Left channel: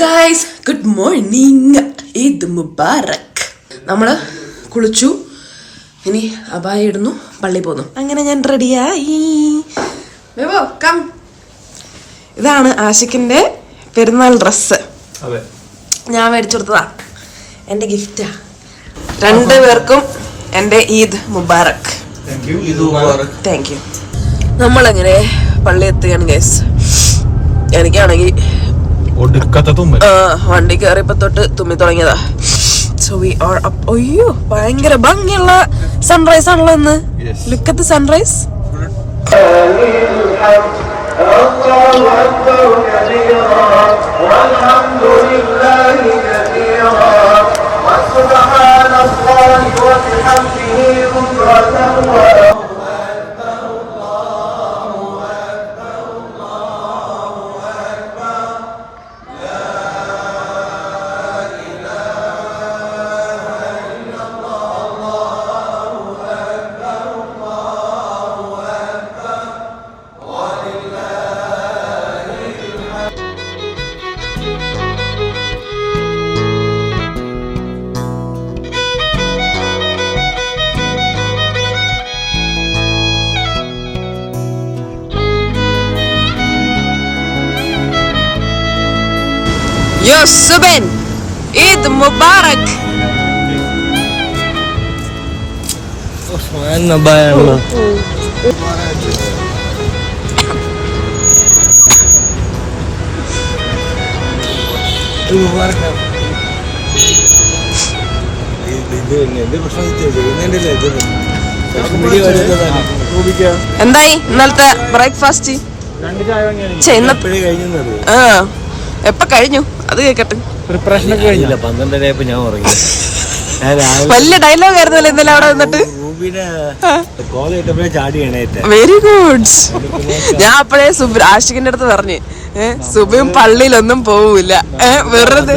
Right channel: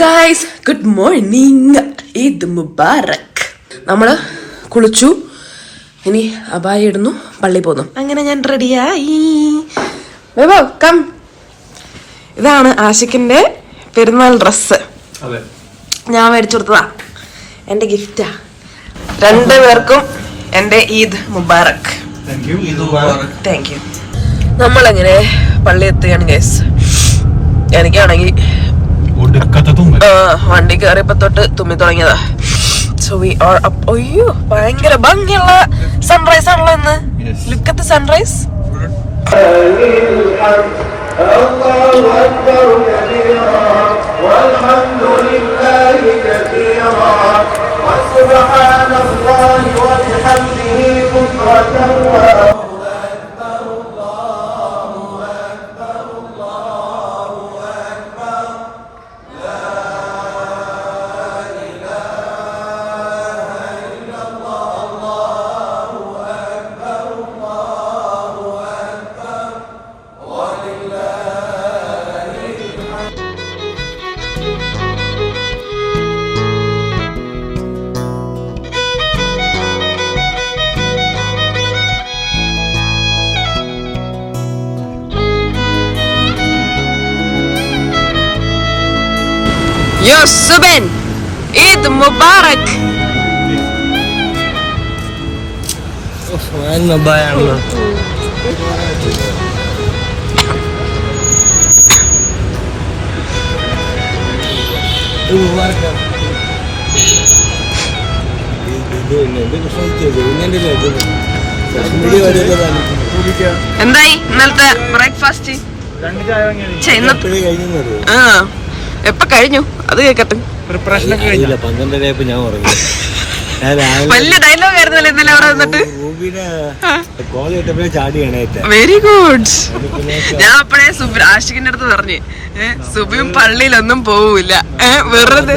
Guys, good morning. Eid Mubarak. നമ്മള് കുളിച്ചു, ഇനി അബായ ഇടുന്നു, പള്ളി പോന്നു. അങ്ങനെ ഞാൻ റെഡിയായി. കം. ഇതാണ് ആഷിഖിന്റെ പെരുന്നാൾ ഡ്രസ്. ഞാൻ മേടിച്ചു കൊടുത്തതാ, എന്റെ ഗിഫ്റ്റാ. രണ്ടുപേർക്കും എന്റെ ഈദ് മുബാറക്. Thank you. നമ്മളെങ്ങനെ പള്ളി എത്തുകയാണ് ഗൈസ്. എനിക്കാണെങ്കിൽ വണ്ടി കയറിയപ്പോ തൊട്ട് തുമ്മി തുടങ്ങിയതാ. So we are up. അയ്യോ, ഭയങ്കര ഭംഗിയുള്ള സൺറൈസ് ആണല്ലോ ഇന്ന്. Look at the sunrise. Yo Subin, Eid Mubarak. Oh, mana bayang? Mubarak. എന്തായി ഇന്നലത്തെ ബ്രേക്ക്ഫാസ്റ്റ്? എപ്പ കഴിഞ്ഞു അത് കേക്കട്ടെ. വലിയ ഡയലോഗ് ആയിരുന്നല്ലോ ഇന്നലെ അവിടെ വന്നിട്ട്. Very good. ഞാൻ അപ്പഴേ ആഷിഖിന്റെ അടുത്ത് പറഞ്ഞു, സുബിയും പള്ളിയിലൊന്നും പോവില്ല, വെറുതെ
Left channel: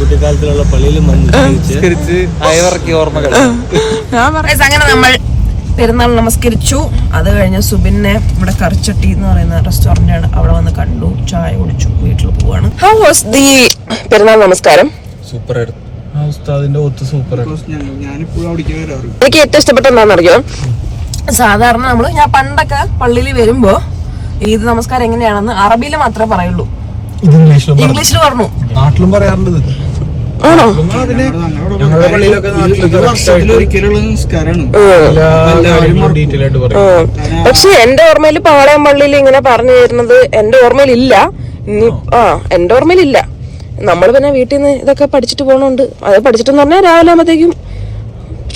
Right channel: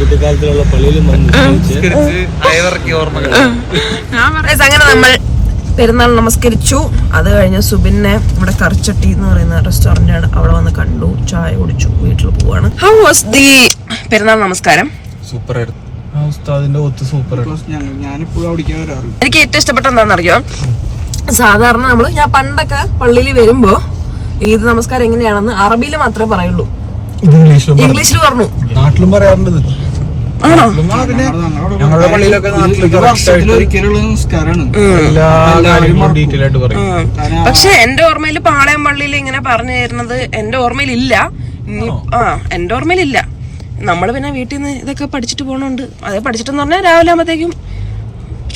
കുട്ടിക്കാലത്തിലുള്ള പള്ളിയിലും അങ്ങനെ നമ്മൾ പെരുന്നാൾ നമസ്കരിച്ചു. അത് കഴിഞ്ഞ് സുബിനെ ഇവിടെ കറിച്ചട്ടി എന്ന് പറയുന്ന റെസ്റ്റോറന്റ് ആണ്, അവിടെ വന്ന് കണ്ടു, ചായ കുടിച്ചു, വീട്ടിൽ പോവാണ്. ഹൗ വാസ് ദി പെരുന്നാൾ നമസ്കാരം? സൂപ്പർ ആയിരുന്നു. എനിക്ക് ഏറ്റവും ഇഷ്ടപ്പെട്ട എന്താണെന്നറിയോ? സാധാരണ ഞാൻ പണ്ടൊക്കെ പള്ളിയിൽ വരുമ്പോ ഈദ് നമസ്കാരം എങ്ങനെയാണെന്ന് അറബിയിൽ മാത്രമേ പറയുള്ളൂ. ഇംഗ്ലീഷിൽ പറഞ്ഞു. നാട്ടിലും പറയാറുണ്ട്. പക്ഷെ എന്റെ ഓർമ്മയിൽ പാളയം പള്ളിയിൽ ഇങ്ങനെ പറഞ്ഞു തരുന്നത് എന്റെ ഓർമ്മയിലില്ല. എന്റെ ഓർമ്മയിലില്ല. നമ്മൾ പിന്നെ വീട്ടിൽ നിന്ന് ഇതൊക്കെ പഠിച്ചിട്ട് പോണോണ്ട്, അത് പഠിച്ചിട്ടെന്ന് പറഞ്ഞാൽ രാവിലെ ആകുമ്പോഴത്തേക്കും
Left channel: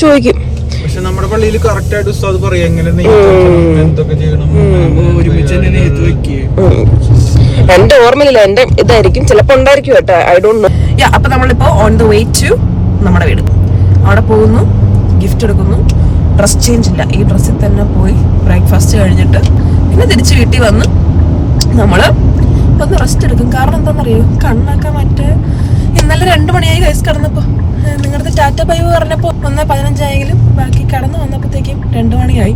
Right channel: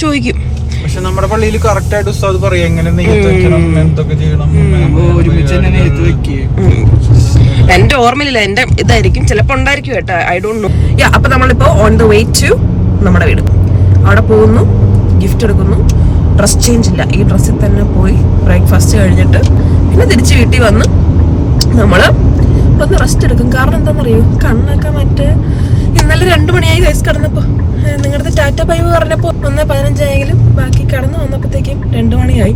ചോദിക്കും. പക്ഷെ നമ്മുടെ പള്ളിയിൽ കറക്റ്റ് ആയിട്ട് ഉസ്താദ് പറയും എങ്ങനെ എന്തൊക്കെ ചെയ്യണം. എന്റെ ഓർമ്മയിലില്ല, എന്റെ ഇതായിരിക്കും, ചിലപ്പോ ഉണ്ടായിരിക്കും കേട്ടോ, ഐ ഡോണ്ട് നോ. അപ്പൊ നമ്മളിപ്പോ ഓൺ ദ വേ ടു നമ്മുടെ വീട്. അവിടെ പോകുന്നു, ഗിഫ്റ്റ് എടുക്കുന്നു, ഡ്രസ് ചേഞ്ച് ഇല്ല, ഈ ഡ്രസ്സിൽ തന്നെ പോയി ബ്രേക്ക്ഫാസ്റ്റ് കഴിഞ്ഞിട്ട് പിന്നെ തിരിച്ച് വീട്ടിൽ വന്ന് നമ്മള് ഒന്ന് റെസ്റ്റ് എടുക്കും. കാരണം എന്താണെന്നറിയോ, കണ്ണൊക്കെ മറ്റേ ഇന്നലെ 2 മണിയായി കൈസ് കിടന്നപ്പോ. നിങ്ങളുടെ ടാറ്റ ബൈ പറഞ്ഞപ്പോ 1:15 ആയെങ്കിലും ബാക്കി കടന്നു വന്നപ്പോഴത്തേക്കും 2 മണിയായി.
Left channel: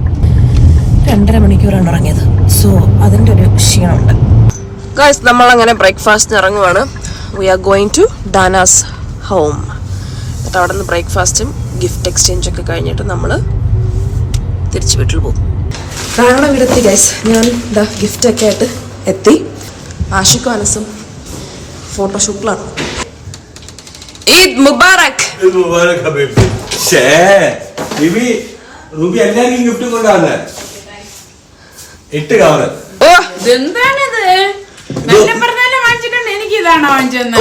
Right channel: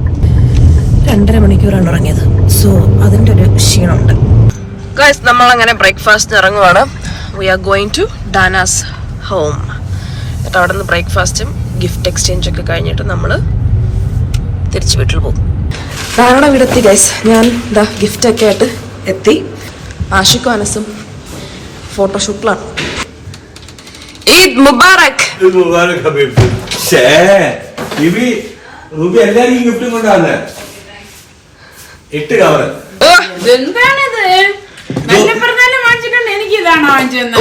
2.5 മണിക്കൂറാണ് ഇറങ്ങിയത്. സോ അതിന്റെ ഒരു ക്ഷീണമുണ്ട് ഗൈസ്. നമ്മൾ അങ്ങനെ ബ്രേക്ക്ഫാസ്റ്റിന് ഇറങ്ങുവാണ്. We are going to Dana's home. എന്നിട്ട് അവിടെ നിന്ന് ബ്രേക്ക്ഫാസ്റ്റും ഗിഫ്റ്റ് എക്സ്ചേഞ്ച് ഒക്കെ കഴിഞ്ഞിട്ട് നമ്മൾ തിരിച്ച് വീട്ടിൽ പോകും. ധാരാളം ഇവിടെ എത്തി ഗൈസ്. ഞാൻ ഇതാ ഗിഫ്റ്റ് ഒക്കെ ആയിട്ട് എത്തി. ആഷിഖും അനസും ഫോട്ടോഷൂട്ടിലാണ്. ഈദ് മുബാറക്.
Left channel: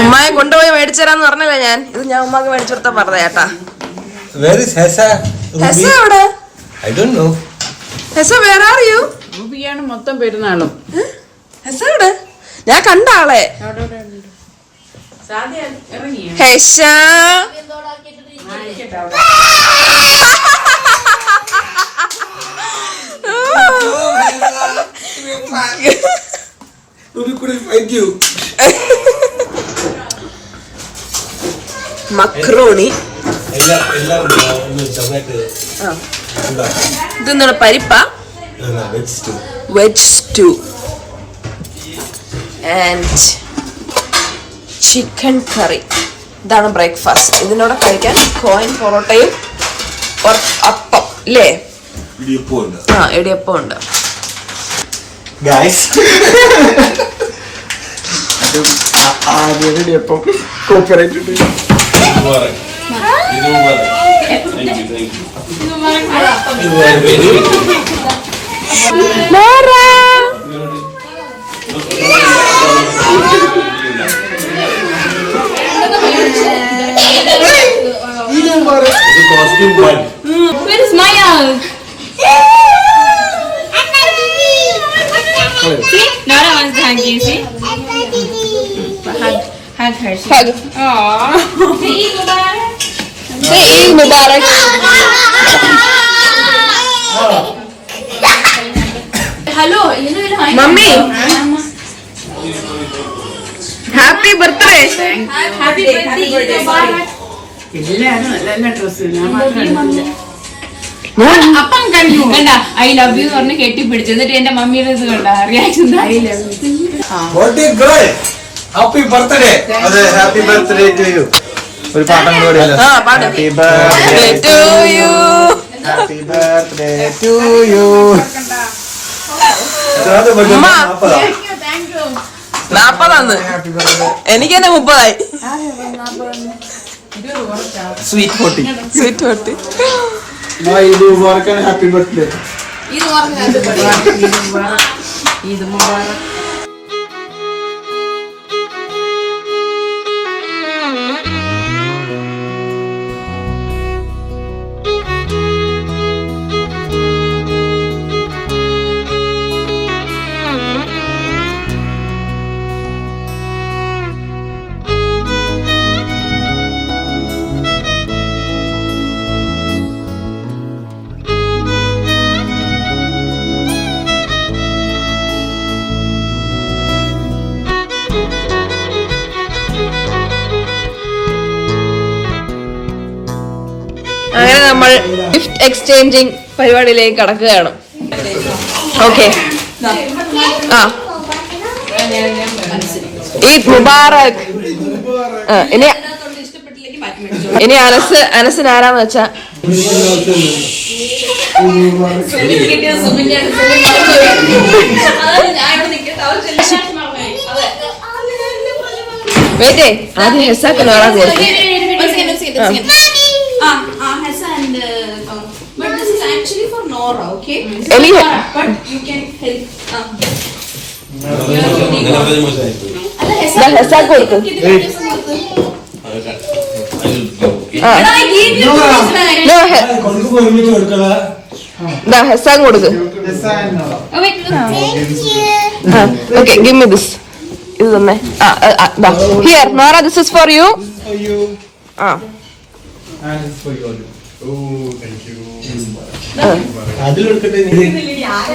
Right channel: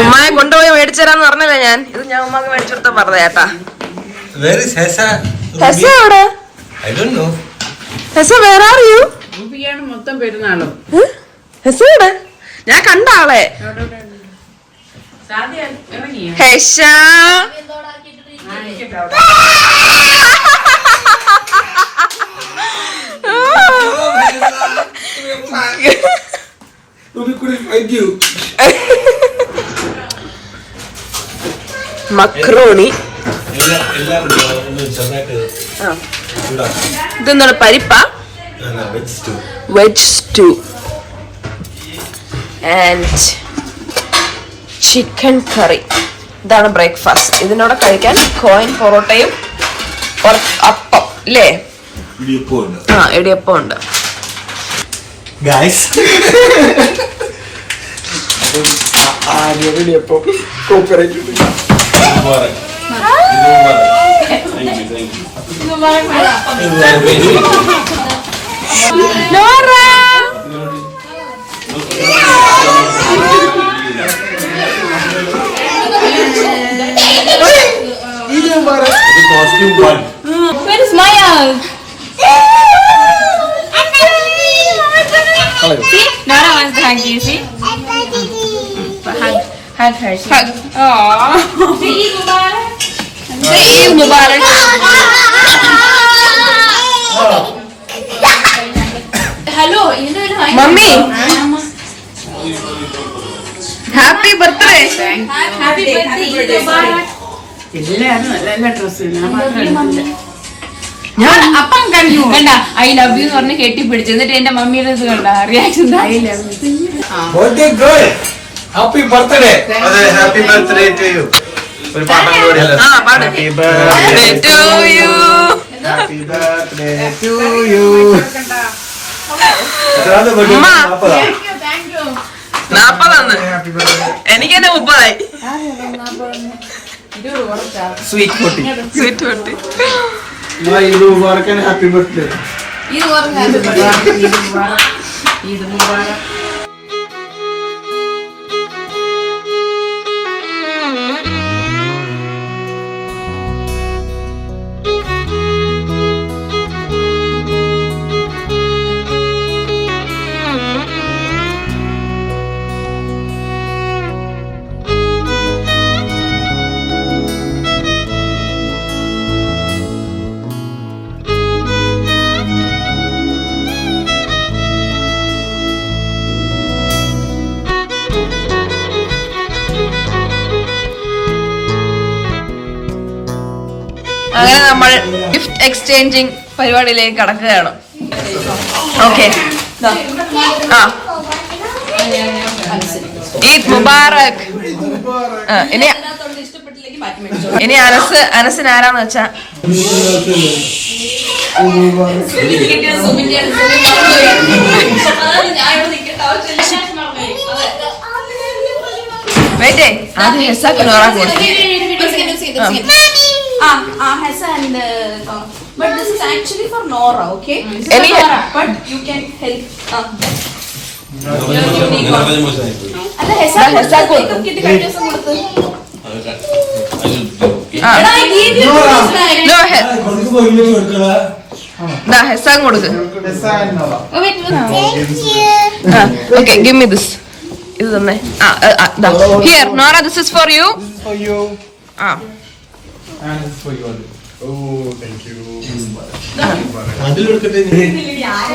ഉമ്മയെ കൊണ്ടുപോയി മേടിച്ചരാന്ന് പറഞ്ഞല്ലേ ഞാൻ. ഇത് ഞാൻ ഉമ്മക്ക് മേടിച്ചെടുത്ത പറഞ്ഞ ചേട്ടാ. മൊത്തം പെരുന്നാളും ഞാൻ കണ്ട ആളെ. ഹെഷ മക്രോണി. ഇതെന്താണ് പരിപ്പ? വെജ് സ്റ്റൂ ആൻഡ് ചിക്കൻ കറി. ഇതാണ് ബ്രേക്ക്ഫാസ്റ്റ്. ഇതിനോട് കഴിക്കാൻ കോയിൻ പൊറോട്ടയും അപ്പം അല്ലേ? ആ, ഇടിയപ്പം ഉണ്ട്. Where is Maya? See, Nora wants to hug you. See, hug her. Hug. Aww. Eid Mubarak. Eid Mubarak. Hello, you know hi. Mummy. Happy birthday. Happy birthday, Eid Mubarak. ഞാൻ അപ്പം കണ്ടു കണ്ട ഐ ലവ് യു എന്ന് പറഞ്ഞ് കെട്ടിപ്പിടിച്ചു. എന്നിട്ട് എന്റെ മമ്മിയുടെ ഇത് കണ്ട reaction. Happy birthday. Happy birthday to you. ഒരു പാട്ട് കൂടി. Happy birthday to you. Happy birthday to you. അമ്മ 40 എനിക്ക് തന്നെ 30. സ്വീറ്റ് പൊട്ടി. സ്വീറ്റ് പൊട്ടി. ഇത് വർക്കാൻ ഹാപ്പി ബർത്ത്ഡേ. ഇത് പറഞ്ഞു ഇത് മുബാറക്. അങ്ങനെ നമ്മൾ ഗിഫ്റ്റ് എക്സ്ചേഞ്ചിങ് പരിപാടിയിലേക്ക് കടക്കുകയാണ്. ഓക്കെ, ഈദ് മുബാറക്. ഇനി അനസിന് ആരാന്ന് വെച്ചാ വെയിറ്റേ Hassan, but this is actually for Nora, okay? This is Any- for Nora, but you can help. അല്ല Hassan കിട്ടി ദിവസം കൊടുത്ത്. എടാ, I gave you ഹെസാൻ കൊടുക്ക്. Oh, wait, look. Okay, give me this. ഇത് തന്നെ. Here Nora, this is for you. ആ, And it's for you. Oh, thank you.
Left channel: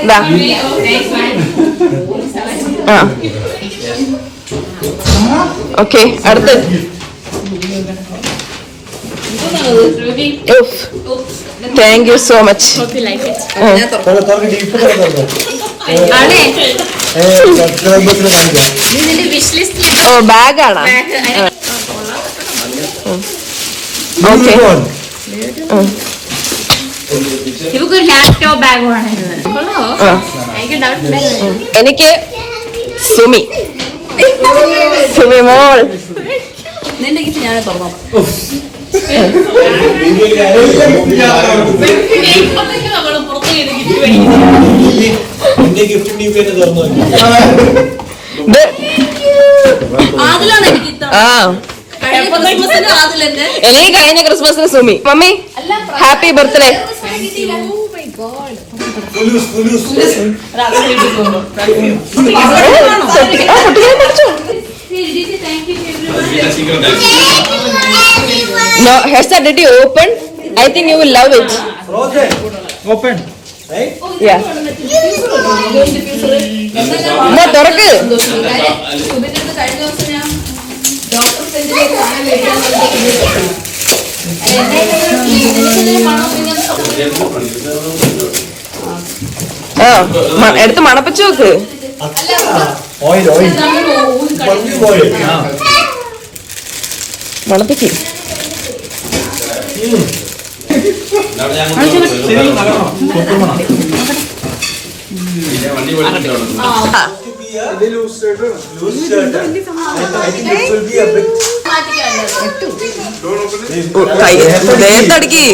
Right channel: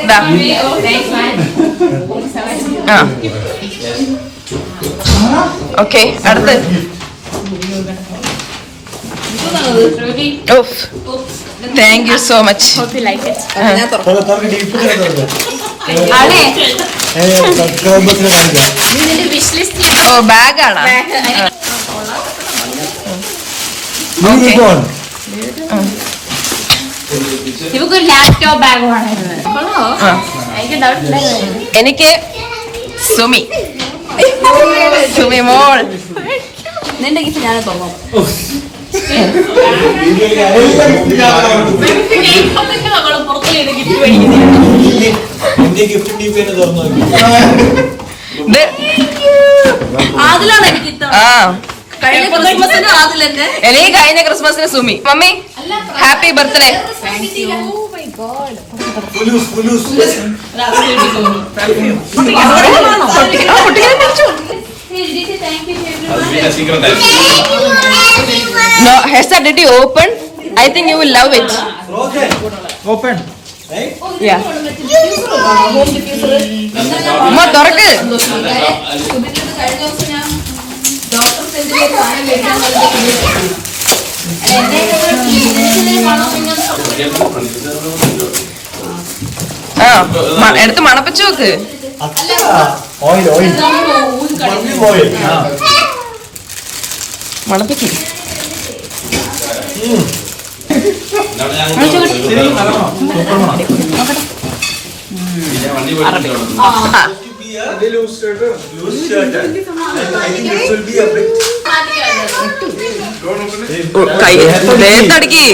ദാ. ആ, ഓക്കെ, അടുത്ത്. Ruby, thank you so much. hope you like it. ആണേ, ഇതിന്റെ wish list ഓ ബാഗാണോ? ഇവക്കൊരു laptop bag വേണമായിരുന്നു. കൊള്ളോ? എനിക്ക് ഡൗട്ട് ഉണ്ടായിരുന്നു. എനിക്ക് സുമി മോൾ. നിന്റെ ഗിഫ്റ്റ് ഞാൻ തുറന്നു. അതിലാണ് എനിക്ക് ആ, കഴിഞ്ഞ ക്രിസ്മസിന് അതിലെന്നെ. എനിക്ക് കഴിഞ്ഞ ക്രിസ്മസിന് Sumi. Mummy happy birthday. No, Hesa, did you open? I think you will love it. Open. Yeah. അമ്മ തുറക്ക്. ആ, എടുത്ത് മണപ്പിച്ചു നോക്ക്. മണപ്പിക്ക്. കൈ ദേഹത്തടിക്ക്.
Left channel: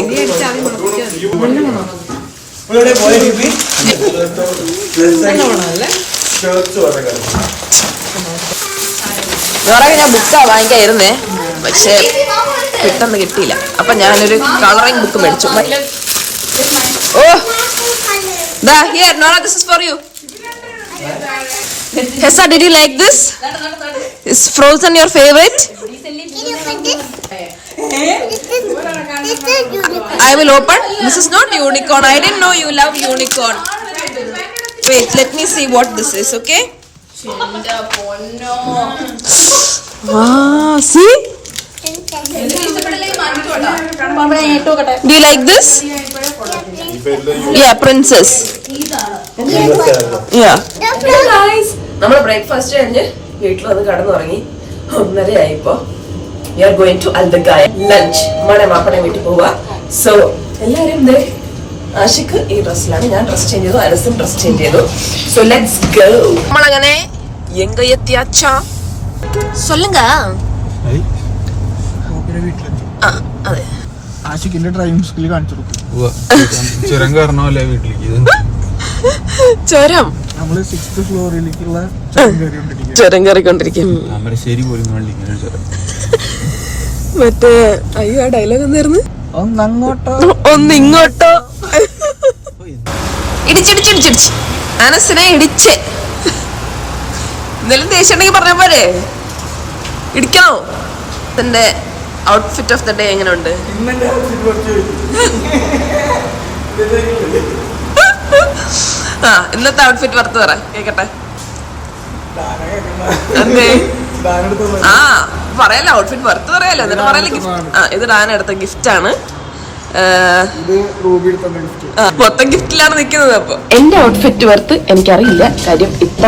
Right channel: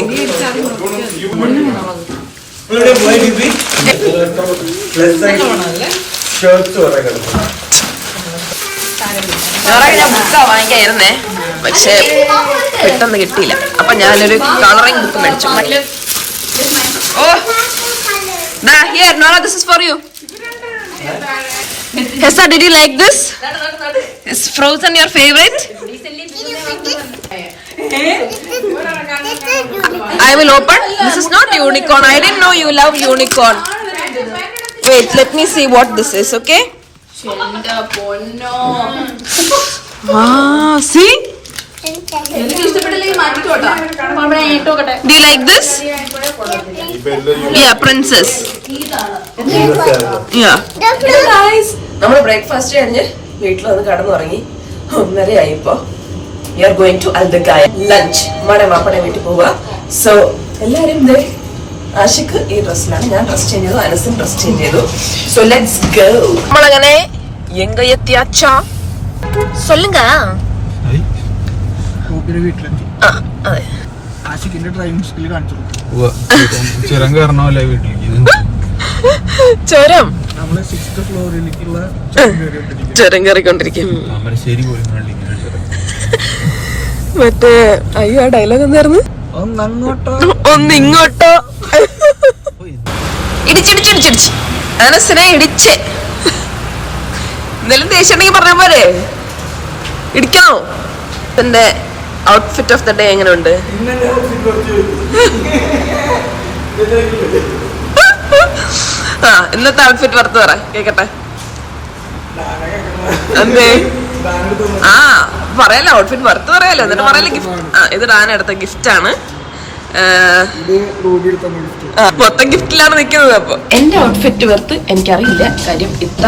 ഞാൻ ബുക്കാ വാങ്ങിക്കായിരുന്നേ, പക്ഷെ പെട്ടെന്ന് കിട്ടിയില്ല. അപ്പൊ ഞാനൊരു കളറിംഗ് ബുക്ക് മേടിച്ചു. Here, Nora, this is for you. Hessa, did you like this? Is Frozen your favorite? I will open. This is not unicorn. I didn't know you love unicorn. Wait, let me see what this is, okay? Wow, see? Do you like this? Yeah, princess. Yeah. Guys, നമ്മൾ breakfast കഴിഞ്ഞ് വീട്ടിൽ വന്ന് കടന്നുറങ്ങി. 1:30 ആയിപ്പോ we are going to Aldagaya lunch. നമ്മുടെ മാപ്പടെ വീട്ടിൽ പോവുക. So എല്ലാരും ആഷിക്ക് ഈ ഡ്രസ്സിലാണ്, ഞാൻ ഡ്രസ് ചേഞ്ച് ചെയ്തു, അനസും ഡ്രസ് ചേഞ്ച് ചെയ്തു. So let's go. നമ്മളങ്ങനെ എങ്ക എത്തിയാച്ചാ சொல்லுங்க. അതെ, ആഷിക്കിന്റെ ഡ്രൈവിംഗ് സ്കിൽ കാണിച്ചു. ചുരം കയറണമല്ലേ വീട്ടിലേക്ക്? ചുരം നമ്മള് 6th ഫ്ലോറിലേക്കുള്ള ചുരം കയറിക്കൊണ്ടിരിക്കും. മറ്റേ അയ്യോ, ആ ഡയലോഗ് എന്തായിരുന്നു? ഒന്നിങ്ങോട്ടോ. ഇടിച്ചിടിച്ചിടിച്ചിടിച്ച് അനസിനെ ഇടിച്ച്. എന്തെങ്കിലും ദേഷ്യം ഉണ്ടെങ്കിൽ പറഞ്ഞ പോരെ, ഇടിക്കണോ? എന്റെ ഔട്ട്ഫിറ്റ് ഓഫ് ദ ഡേ എങ്ങനെയുണ്ട്? ഇന്നത്തെ ഔട്ട്ഫിറ്റ് പുറത്ത് പറ കേക്കട്ടെ. എന്തേ? പറയാലോ, ഔട്ട്ഫിറ്റ് പുറത്ത് പറയാലോ, എന്നിട്ട് പറയാലോ ഗിഫ്റ്റ്. ഇത് ഡാന എടുത്ത ഗിഫ്റ്റ് ആണ്. മൊത്തം ഗിഫ്റ്റിലാണ് നിൽക്കുന്നത്. അപ്പൊ എന്റെ ഔട്ട്ഫിറ്റ് പുറത്ത് എനിക്കറിയില്ല, കാര്യം ഇത്ര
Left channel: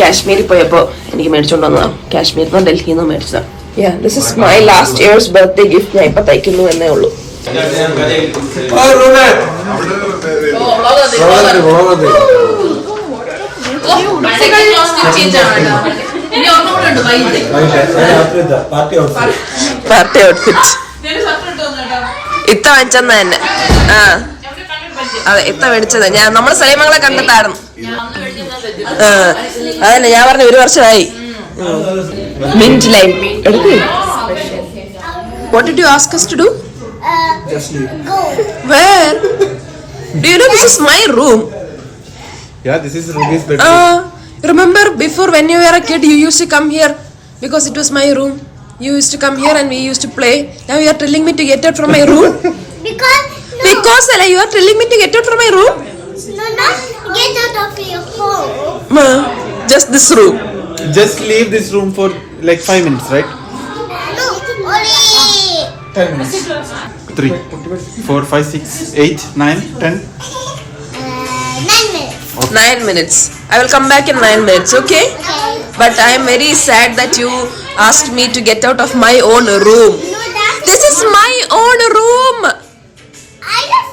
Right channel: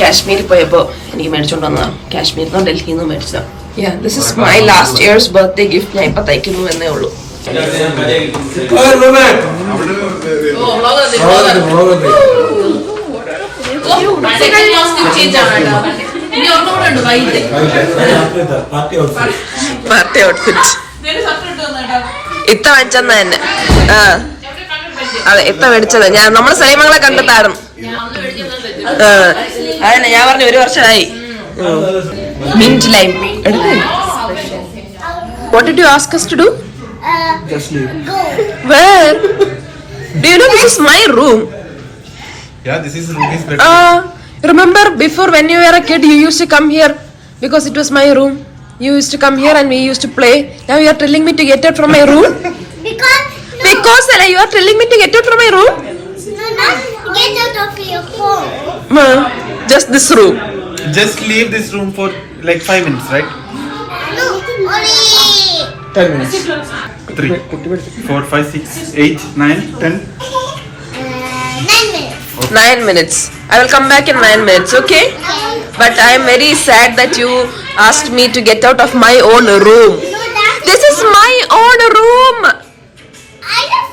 കാശ്മീരിൽ പോയപ്പോ എനിക്ക് മേടിച്ചോണ്ട് വന്നതാണ്. കാശ്മീരിൽ നിന്നോ ഡൽഹിയിൽ നിന്നോ മേടിച്ചതാണ്. Yeah, this is my last year's birthday gift. ഞാൻ ഇപ്പൊ തയ്ക്കുന്നു എന്നേ ഉള്ളൂ. പാർട്ടി ഔട്ട്ഫിറ്റ് ഇത്ത വെച്ചെന്ന തന്നെ. അതെ, ഇത്ത മേടിച്ചത്. ഞാൻ നമ്മുടെ സലീമങ്ങളെ കണ്ടിട്ടായിരുന്നു. അതന്നെ ഞാൻ പറഞ്ഞു, 1 വർഷമായി. Mint lime. What did you ask us to do? Just leave. Go. Where? Do you know this is my room? Yeah, this is Ruby's bedroom. Remember before when you were a kid, you used to come here because it was my room. You used to come here and we used to play. Now you are telling me to get out from my room? Because you are telling me to get out from my room? No, get out of your home. Just this room. Just leave this room for like 5 minutes, right? No, only 10 minutes. 3, 4, 5, 6, 8, 9, 10. 9 minutes. 9 minutes. I will come back in 9 minutes, okay? But I am very sad that you asked me to get out of my own room. No, that's This is my own room. I just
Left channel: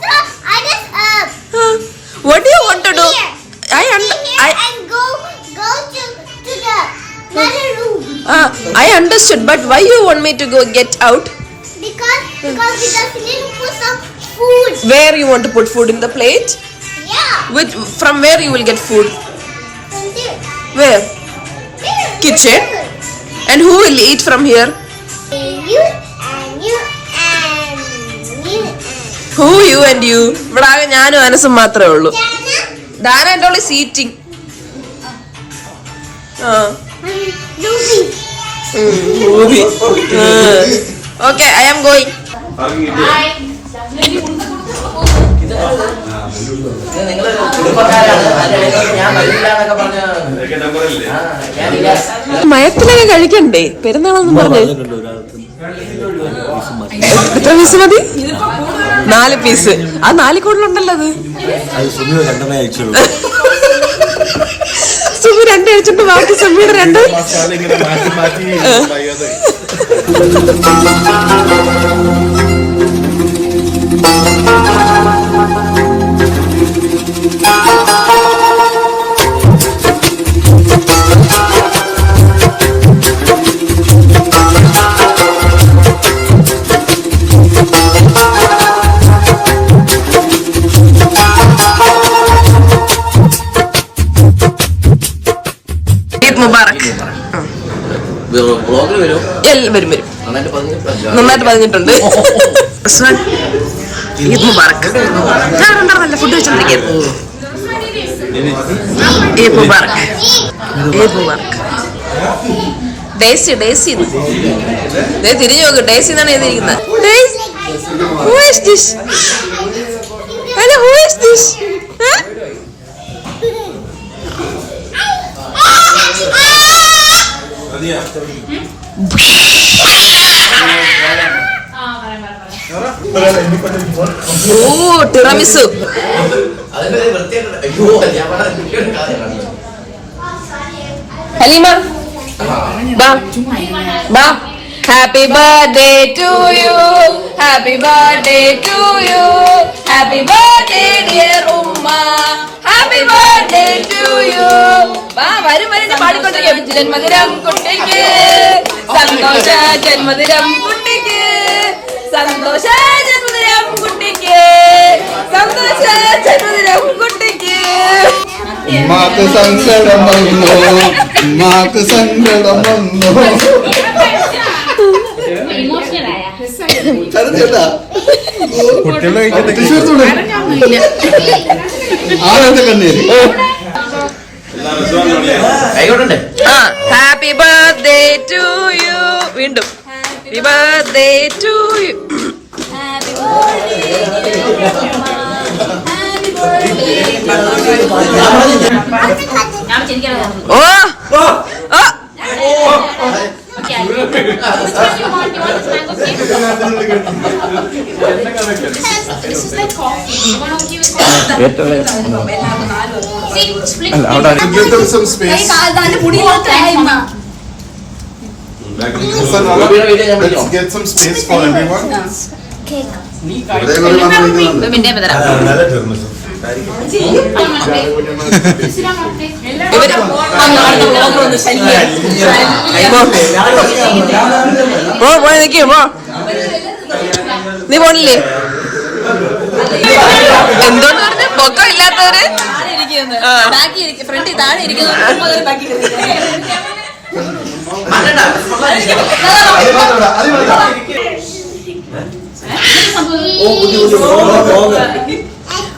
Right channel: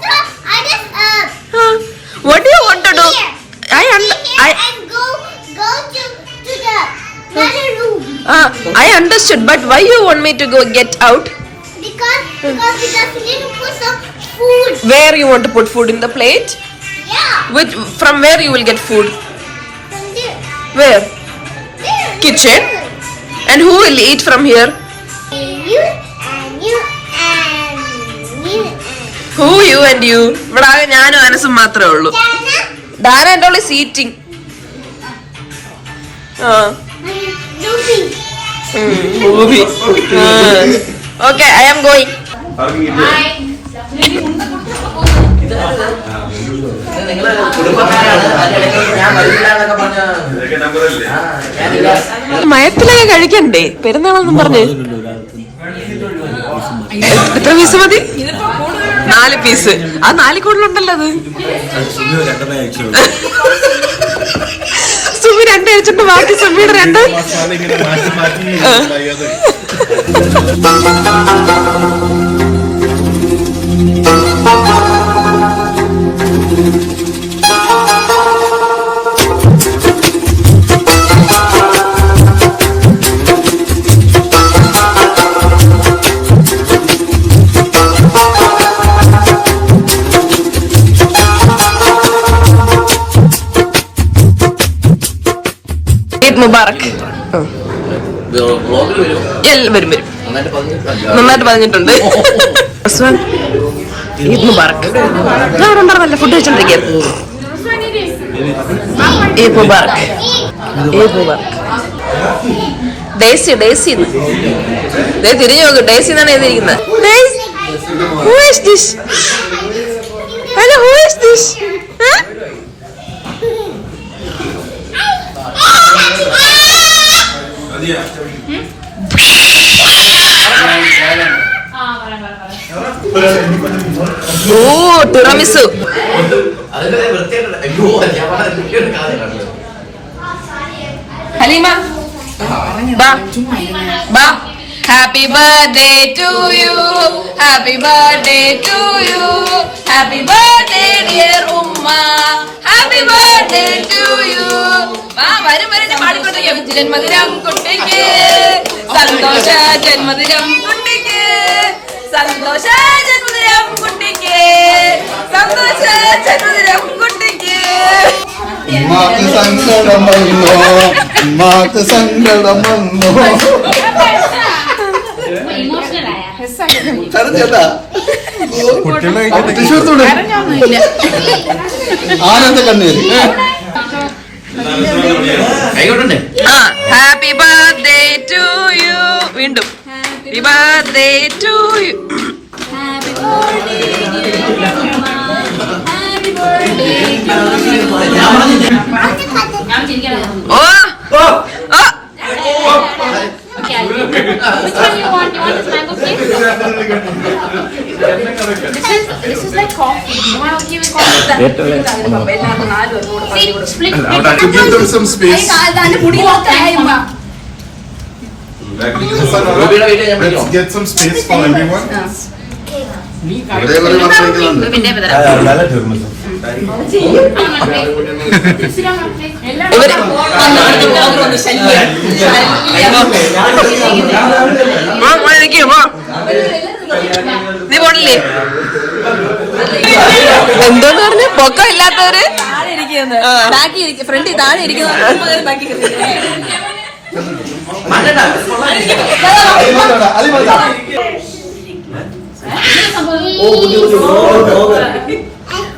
What do you want to do? Here. I and go to the another room. I understood, but why you want me to go get out? Because we just need to put some food. Where you want to put food in the plate? Yeah. From where you will get food? From there. Where? There. Kitchen? And who will eat from here? You and you and you and Who, you and you? ഇവിടെ ആകെ ഞാനും അനസും മാത്രമേ ഉള്ളൂ. Dana എൻ്റെ ഉള്ളിൽ seating. Movie. Okay, I am going. മയത്തിലൊക്കെ കഴിക്കണ്ടേ പെരുന്നാളെന്നും പറഞ്ഞ്? എത്ര പീസ് മതി? 4 പീസ്. ആ 4 കൂടുതലുണ്ടല്ലോ അത്. സുമി 2 കഴിച്ചിട്ട് ബാക്കി സുമിയുടെ 2. മുബാറക്. വരും നന്നായിട്ട് പറഞ്ഞിട്ടുണ്ട്. ഈദ് മുബാറക്. ഞാൻ ഉണ്ടായിരുന്നല്ല ഫുഡ് കഴിച്ചോണ്ടിരിക്കുകയാണ്. ഈദ് മുബാറക്. ഈദ് മുബാറക്. ഡേസി തിരിഞ്ഞു നോക്ക്. ഡേസി എന്നാണ് എഴുതിയിരിക്കുന്നത്. Who is this? Hello, who is this? ഓ ടിറാമിസു. ഹലീമ ബാ. Happy birthday to you. Happy birthday to you. Happy birthday dear Umma. Happy birthday to you. വാ വരും പാടിക്കൊണ്ടിരിക്കാം. ജന്മദിനം കുട്ടിക്ക് സന്തോഷ ജന്മദിനം കുട്ടിക്ക് സന്തോഷ ജന്മദിനം കുട്ടിക്ക് സന്തോഷ ജന്മദിനം കുട്ടിക്ക്. ഉമ്മാക്ക് സങ്കടം വന്നോ, ഉമ്മാക്ക് സങ്കടം വന്നോ. ആനന്ദ കണ്ണീര്. Happy birthday to you. വീണ്ടും happy birthday to you. Oh This is like coffee. You want to give it coffee? Some space. Let's get some space for everyone. നീ പോണില്ലേ? എന്തോന്ന് പറഞ്ഞു? പൊക്കം ഇല്ലാത്തവര്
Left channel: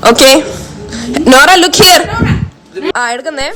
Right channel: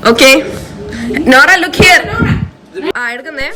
ഓക്കെ. Nora look here. എടുക്കുന്നേ.